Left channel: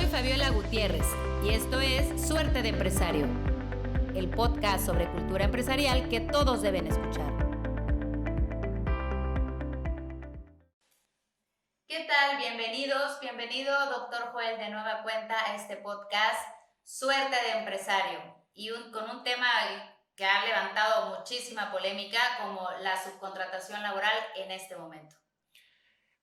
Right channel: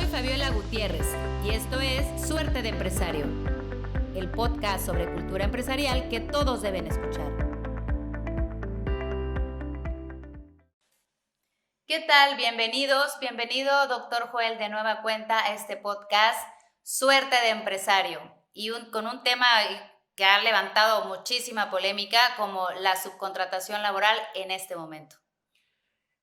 Soy Fabiola Gutiérrez y esto es Suerte de Empresario, el podcast sobre cultura empresarial que todos deben escuchar. ¿Qué tal? Bienvenido doctor Joel de nueva cuenta a este podcast Suerte de Empresario y con un tema que ha levantado muchísima polémica como la subcontratación laboral en este momento.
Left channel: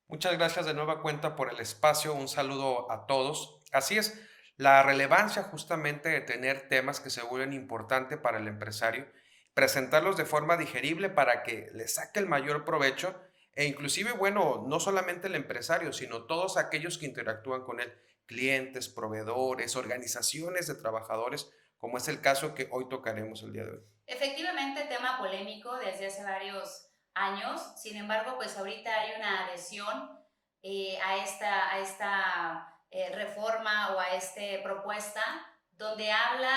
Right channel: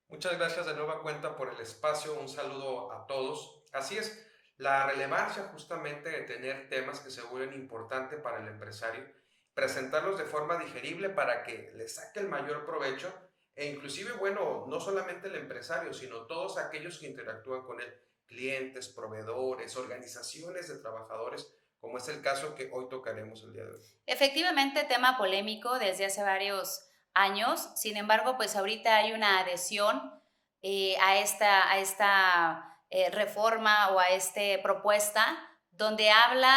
Muchas gracias de nueva cuenta por el espacio. Un saludo a todos. Así es, la relevancia justamente de tener temas que se vuelven importantes para el empresario, presentarlos de forma digerible para que le saque el mayor provecho e inclusive, bueno, no solamente el empresario, sino todos aquellos que interactúan con él, clientes, proveedores, organizaciones de trabajadores, como es el caso que hoy tocaremos el día de hoy. Efectivamente, tema polémico desde hace varios años. Sin embargo, pues ahorita hay una adhesión a esta reforma o a esta propuesta donde habla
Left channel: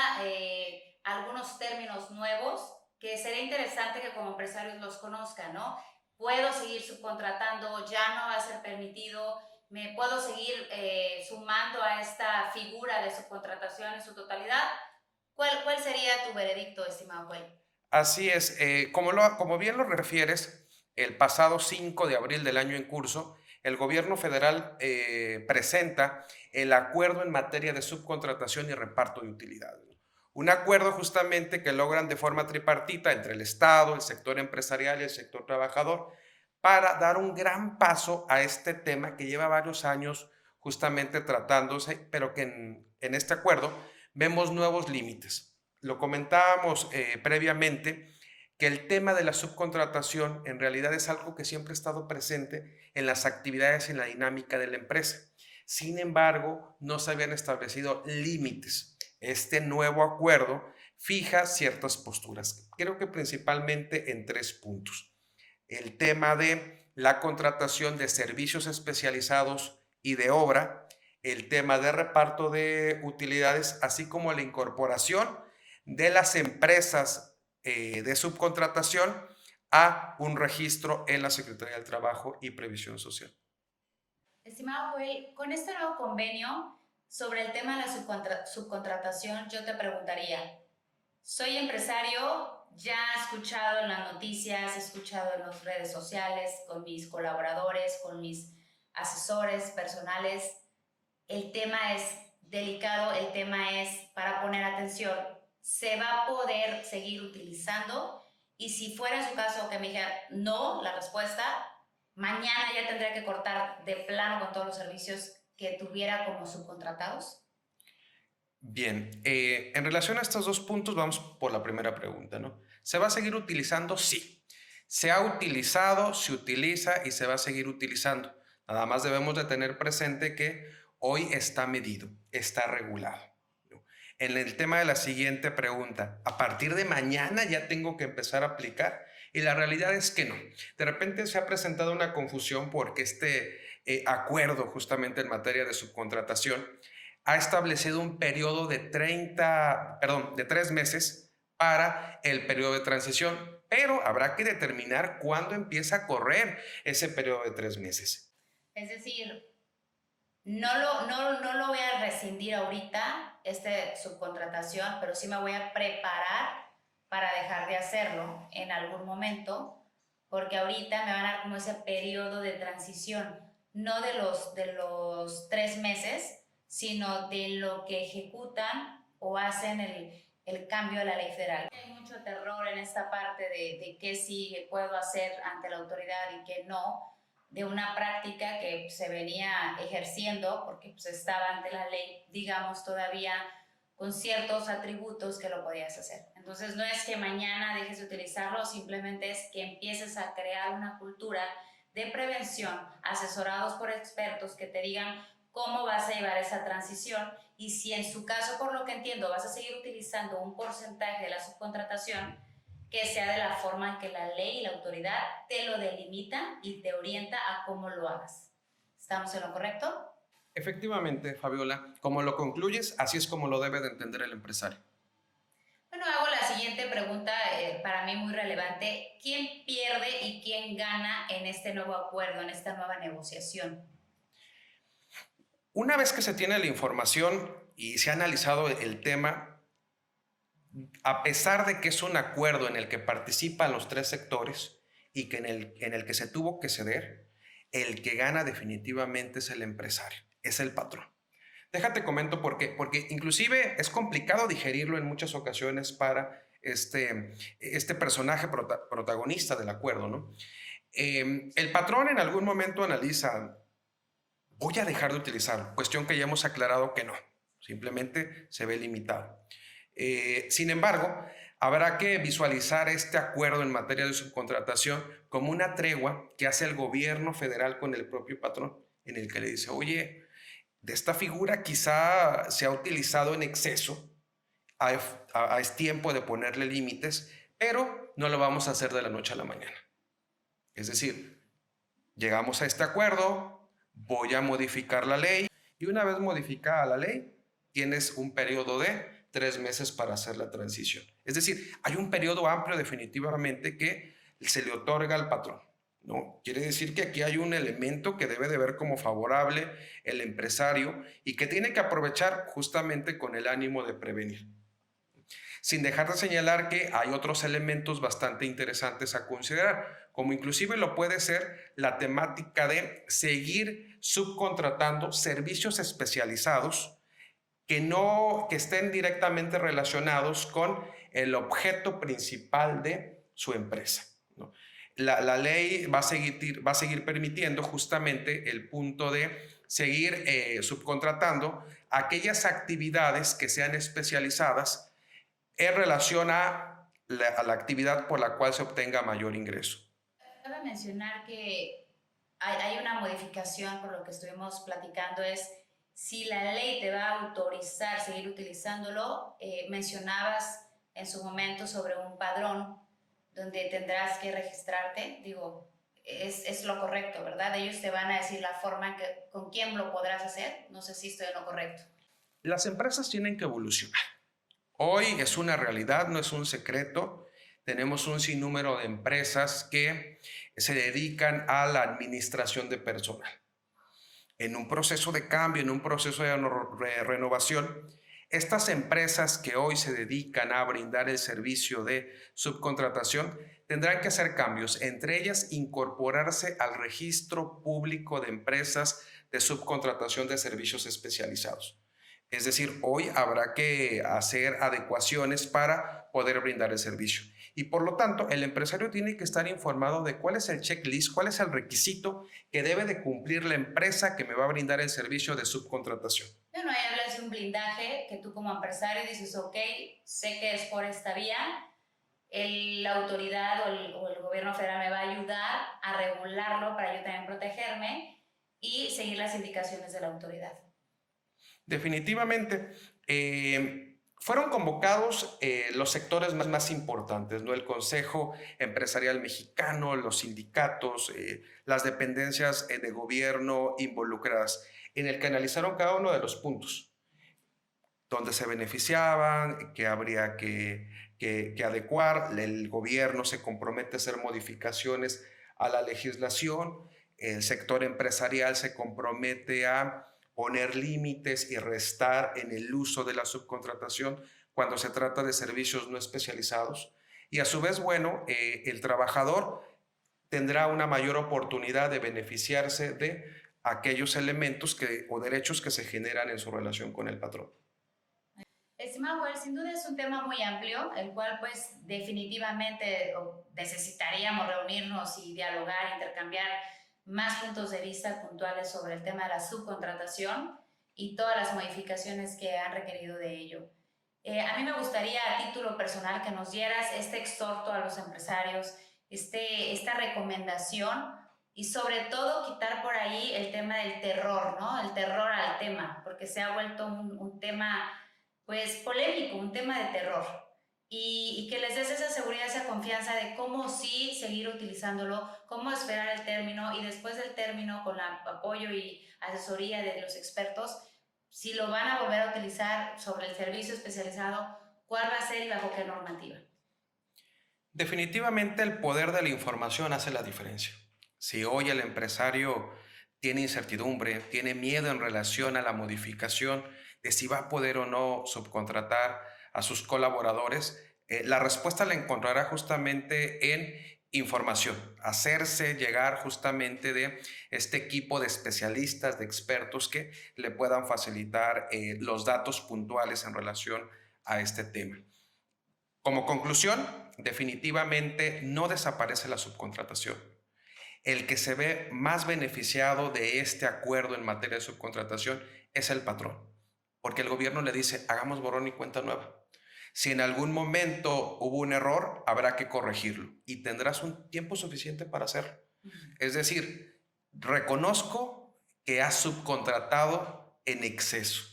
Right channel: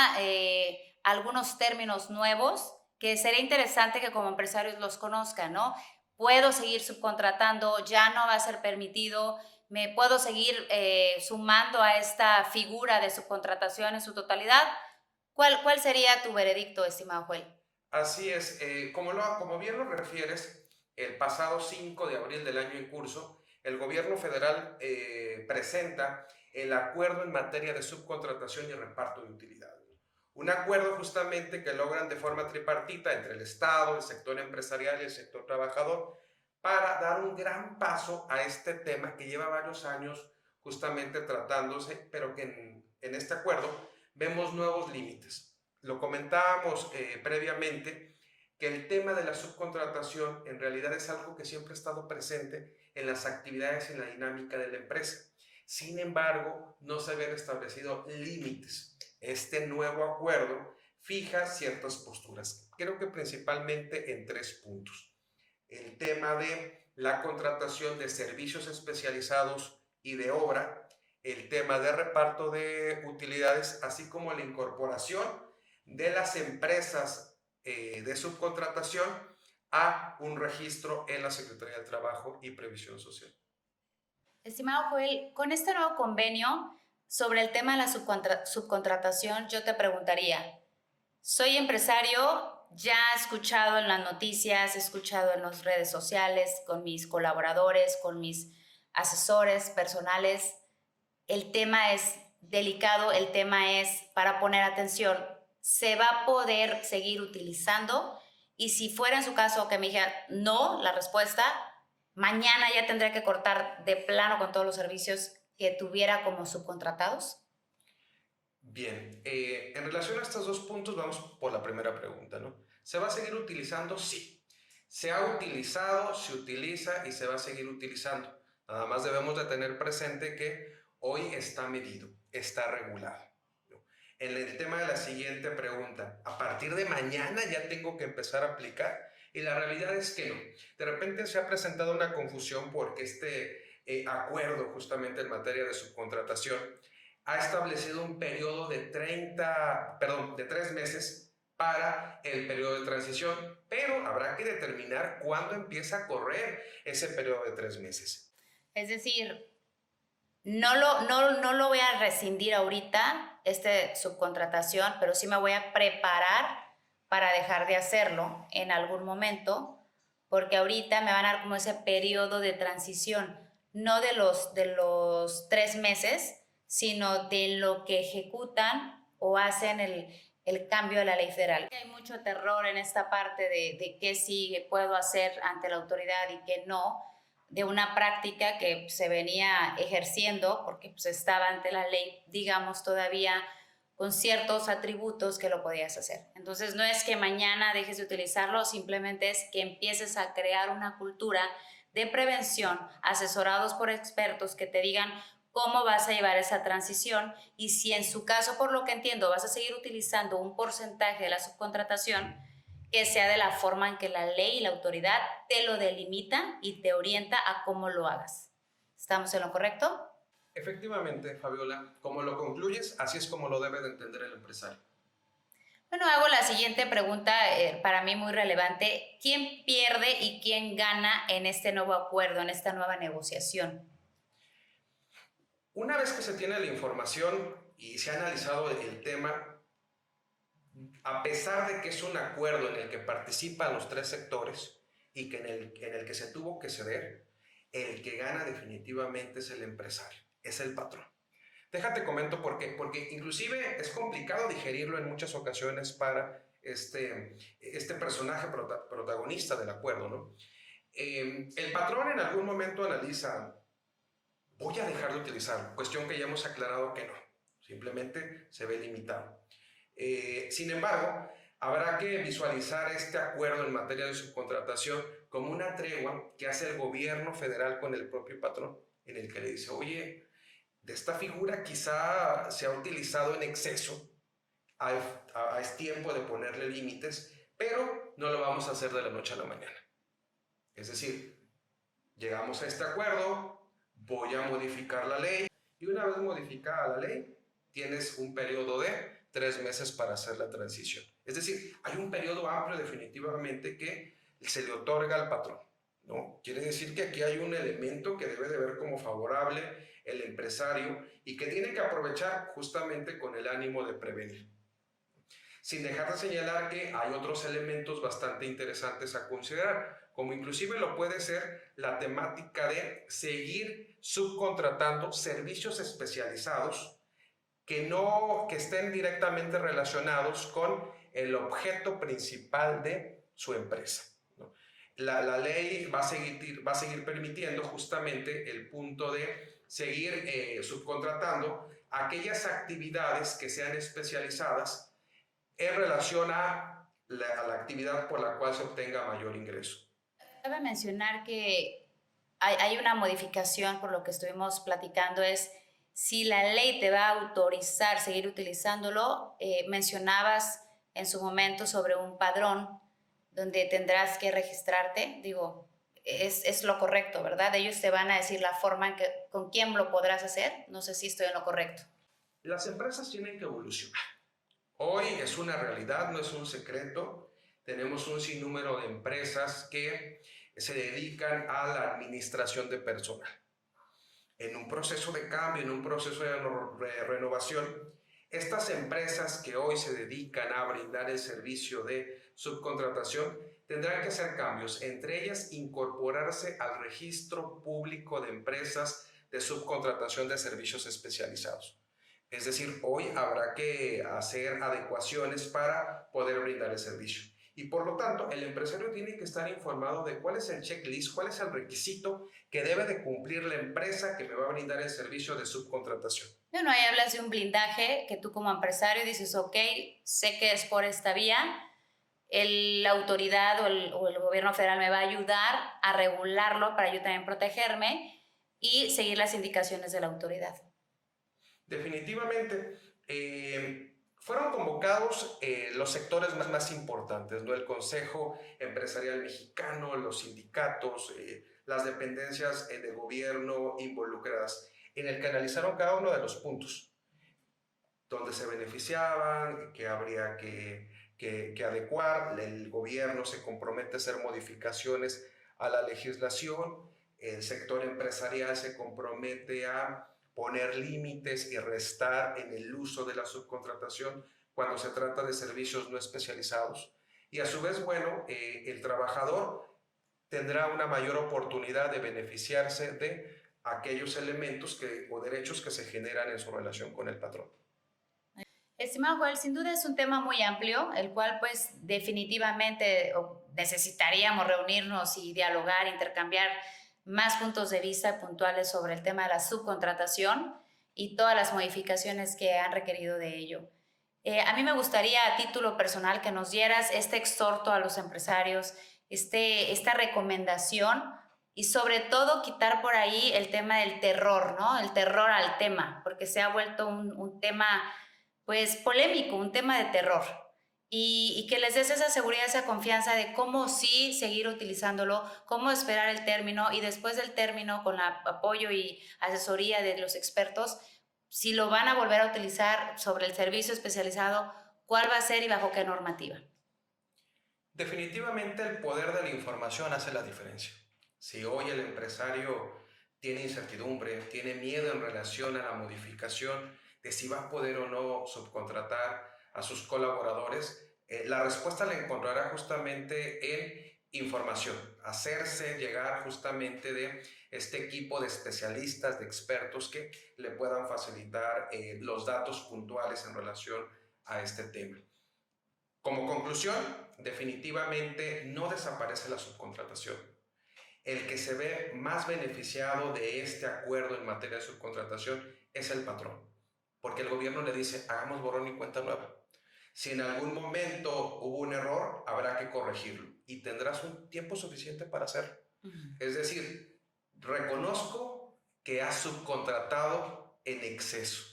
algunos términos nuevos que sería interesante que como empresarios los conozcan, ¿no? Puedo seguir subcontratando, ya no va a ser permitido, me puedo seguir sumando a esta figura de subcontratación en su totalidad. ¿Cuál sería tu veredicto, estimado Joel? Así es, como bien lo refieres, el pasado 5 de abril del año en curso, el gobierno federal presenta el acuerdo en materia de subcontratación y reparto de utilidades, ¿no? Un acuerdo justamente que logran de forma tripartita entre el Estado, el sector empresarial y el sector trabajador para dar un gran paso a este tema que lleva varios años justamente tratándose, pero que en este acuerdo vemos nuevos límites. Lo comentábamos previamente, que el tema de la subcontratación en realidad es algo que siempre ha estado presente en las actividades y en la dinámica de la empresa. Sin embargo, no se habían establecido límites. Este nuevo acuerdo fija ciertas posturas, creo que principalmente en 3 puntos. El tema de la contratación de servicios especializados y de obra, el tema de reparto de utilidades, así como la incorporación de las empresas de subcontratación a un registro en la Secretaría del Trabajo y Previsión Social. Estimado Joel, con este nuevo convenio sobre el tema de la subcontratación, yo te preguntaría, soy empresario, ya he escuchado en las noticias, he escuchado en las redes sociales, con mis colaboradores, con mis asesores personales, el tema es delicado, el tema es para poner atención, ¿se va a poder seguir utilizando? Y si fuera en su caso que me dijera no, la respuesta, mañana ya tendría que cortar de plano con todos los servicios que tuviera como subcontratados. Bien, en relación a estos 2 puntos, vamos por la primera pregunta, ¿no? ¿Se va a seguir utilizando? Sí. Se ha utilizado, se utiliza y se va a seguir utilizando. Nada más debemos de tener presente que hoy está medido, está regulado, ¿no? En el tema de la siguiente pregunta, ¿a partir de mañana ya tengo que empezar a aplicar? Y la realidad es que no. De repente se ha presentado una confusión porque este acuerdo justamente en materia de subcontratación ha establecido un periodo de 3 meses para el periodo de transición, pero habrá que determinar cuándo empieza a correr ese periodo de 3 meses. Es decir, no lo voy a rescindir ahorita, subcontratación, pero sí me voy a preparar para dejar de hacerlo en algún momento, porque ahorita me van a dar como ese periodo de transición, no de los 3 meses, sino de lo que ejecutan o hacen el cambio de la ley federal. Hay mucho terror en esta parte de qué sí puedo hacer ante la autoridad y qué no, de una práctica que se venía ejerciendo porque pues, estaba ante la ley, digamos, todavía con ciertos atributos que lo podías hacer. Entonces no es que mañana dejes de utilizarlo, simplemente es que empieces a crear una cultura de prevención, asesorados por expertos que te digan cómo vas a llevar esa transición y si en su caso, por lo que entiendo, vas a seguir utilizando un porcentaje de la subcontratación, que sea de la forma en que la ley y la autoridad te lo delimitan y te orienta a cómo lo hagas. ¿Estamos en lo correcto? Efectivamente, Fabiola, como lo concluyes, así es como lo debe de entender el empresario. Bueno, hago la siguiente pregunta, para mí muy relevante. ¿Quién pierde y quién gana en este nuevo acuerdo, en esta nueva negociación? Una vez que se tiene la información y se ha analizado el tema, a pesar de que es un acuerdo en el que participan los tres sectores y que en el que se tuvo que ceder, el que gana definitivamente es el empresario, es el patrón. Déjate comento por qué, porque inclusive es complicado digerirlo en muchas ocasiones para este personaje protagonista del acuerdo, ¿no? El patrón en algún momento analiza, voy a dejar de utilizar, cuestión que ya hemos aclarado que no, simplemente se ve limitado. Sin embargo, habrá que visualizar este acuerdo en materia de subcontratación como una tregua que hace el gobierno federal con el propio patrón, en el que le dice, oye, de esta figura quizá se ha utilizado en exceso, es tiempo de ponerle límites, pero no lo vamos a hacer de la noche a la mañana. Es decir, llegamos a este acuerdo, voy a modificar la ley y una vez modificada la ley, tienes un periodo de 3 meses para hacer la transición. Es decir, hay un periodo amplio definitivamente que se le otorga al patrón, ¿no? Quiere decir que aquí hay un elemento que debe de ver como favorable el empresario y que tiene que aprovechar justamente con el ánimo de prevenir. Sin dejar de señalar que hay otros elementos bastante interesantes a considerar, como inclusive lo puede ser la temática de seguir subcontratando servicios especializados que estén directamente relacionados con el objeto principal de su empresa, ¿no? La ley va a seguir permitiendo justamente el punto de seguir subcontratando aquellas actividades que sean especializadas en relación a la actividad por la cual se obtenga mayor ingreso. Cabe mencionar que hay una modificación, por lo que estuvimos platicando, es si la ley te va a autorizar seguir utilizándolo. Mencionabas en su momento sobre un padrón donde tendrás que registrarte. Digo, es lo correcto, ¿verdad? Ellos te van a decir la forma en que, con quién lo podrás hacer. No sé si estoy en lo correcto. Las empresas tienen que evolucionar. Hoy es una realidad, no es un secreto. Tenemos un sinnúmero de empresas que se dedican a la administración de personal. En un proceso de cambio, en un proceso de renovación, estas empresas que hoy se dedican a brindar el servicio de subcontratación tendrán que hacer cambios, entre ellas incorporarse al registro público de empresas de subcontratación de servicios especializados. Es decir, hoy habrá que hacer adecuaciones para poder brindar el servicio. Y por lo tanto, el empresario tiene que estar informado de cuál es el checklist, cuál es el requisito que debe de cumplir la empresa que me va a brindar el servicio de subcontratación. Bueno, ahí hablas de un blindaje que tú como empresario dices, ok, sé que es por esta vía, la autoridad o el gobierno federal me va a ayudar a regularlo para yo también protegerme y seguir las indicaciones de la autoridad. Definitivamente, fueron convocados los sectores más importantes, ¿no? El Consejo Empresarial Mexicano, los sindicatos, las dependencias de gobierno involucradas, en el que analizaron cada uno de los puntos, donde se beneficiaban, que habría que adecuar, el gobierno se compromete a hacer modificaciones a la legislación, el sector empresarial se compromete a poner límites y restar en el uso de la subcontratación cuando se trata de servicios no especializados. Y a su vez, bueno, el trabajador tendrá una mayor oportunidad de beneficiarse de aquellos elementos o derechos que se generan en su relación con el patrón. Estimado Joel, sin duda es un tema muy amplio, el cual pues definitivamente necesitaríamos reunirnos y dialogar, intercambiar más puntos de vista puntuales sobre el tema de la subcontratación y todas las modificaciones que han requerido de ello. A mí me gustaría a título personal que nos dieras este exhorto a los empresarios, esta recomendación y sobre todo quitar por ahí el tema del terror, ¿no? El terror al tema, porque se ha vuelto un tema pues polémico, un tema de terror. Y que les des esa seguridad, esa confianza de cómo sí seguir utilizándolo, cómo esperar el término y después del término con el apoyo y asesoría de los expertos, si lo van a volver a utilizar sobre el servicio especializado, cuál va a ser y bajo qué normativa. Definitivamente el poder de la información hace la diferencia. Si hoy el empresario tiene incertidumbre, tiene miedo en relación a la modificación de si va a poder o no subcontratar a sus colaboradores, la respuesta la encontrará justamente en información, hacerse llegar justamente de este equipo de especialistas, de expertos que le puedan facilitar los datos puntuales en relación a este tema. Como conclusión, definitivamente no desaparece la subcontratación. El que se ve más beneficiado de este acuerdo en materia de subcontratación es el patrón, porque el gobierno le dice, hagamos borrón y cuenta nueva. Si en algún momento hubo un error, habrá que corregirlo y tendrás un tiempo suficiente para hacerlo. Es decir, reconozco que has subcontratado en exceso.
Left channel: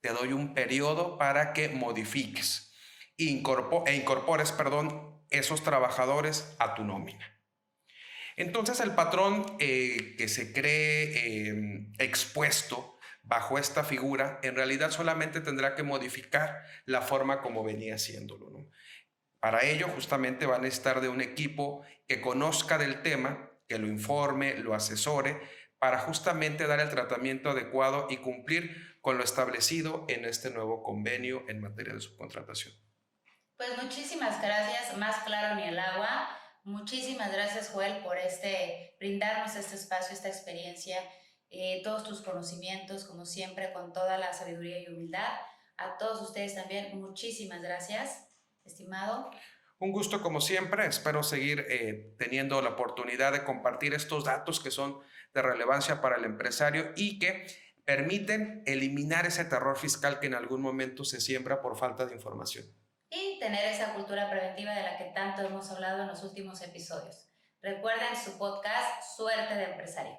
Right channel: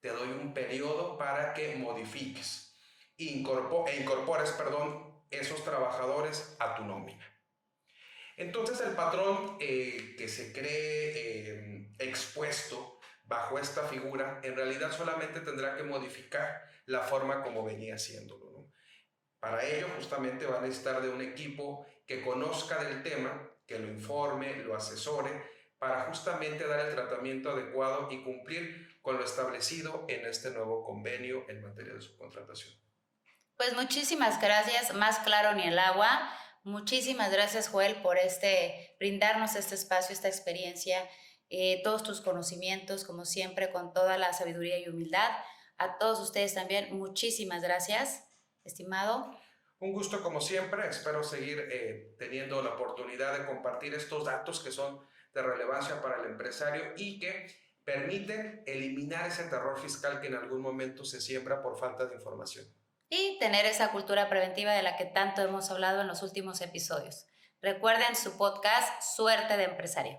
Te doy un periodo para que modifiques e incorpores, esos trabajadores a tu nómina. Entonces el patrón que se cree expuesto bajo esta figura, en realidad solamente tendrá que modificar la forma como venía haciéndolo, ¿no? Para ello justamente van a estar de un equipo que conozca del tema, que lo informe, lo asesore, para justamente dar el tratamiento adecuado y cumplir con lo establecido en este nuevo convenio en materia de subcontratación. Pues muchísimas gracias, más claro ni el agua. Muchísimas gracias, Joel, por brindarnos este espacio, esta experiencia, todos tus conocimientos, como siempre, con toda la sabiduría y humildad. A todos ustedes también, muchísimas gracias, estimado. Un gusto como siempre, espero seguir teniendo la oportunidad de compartir estos datos que son de relevancia para el empresario y que permiten eliminar ese terror fiscal que en algún momento se siembra por falta de información. Y tener esa cultura preventiva de la que tanto hemos hablado en los últimos episodios. Recuerden su podcast Suerte de Empresario.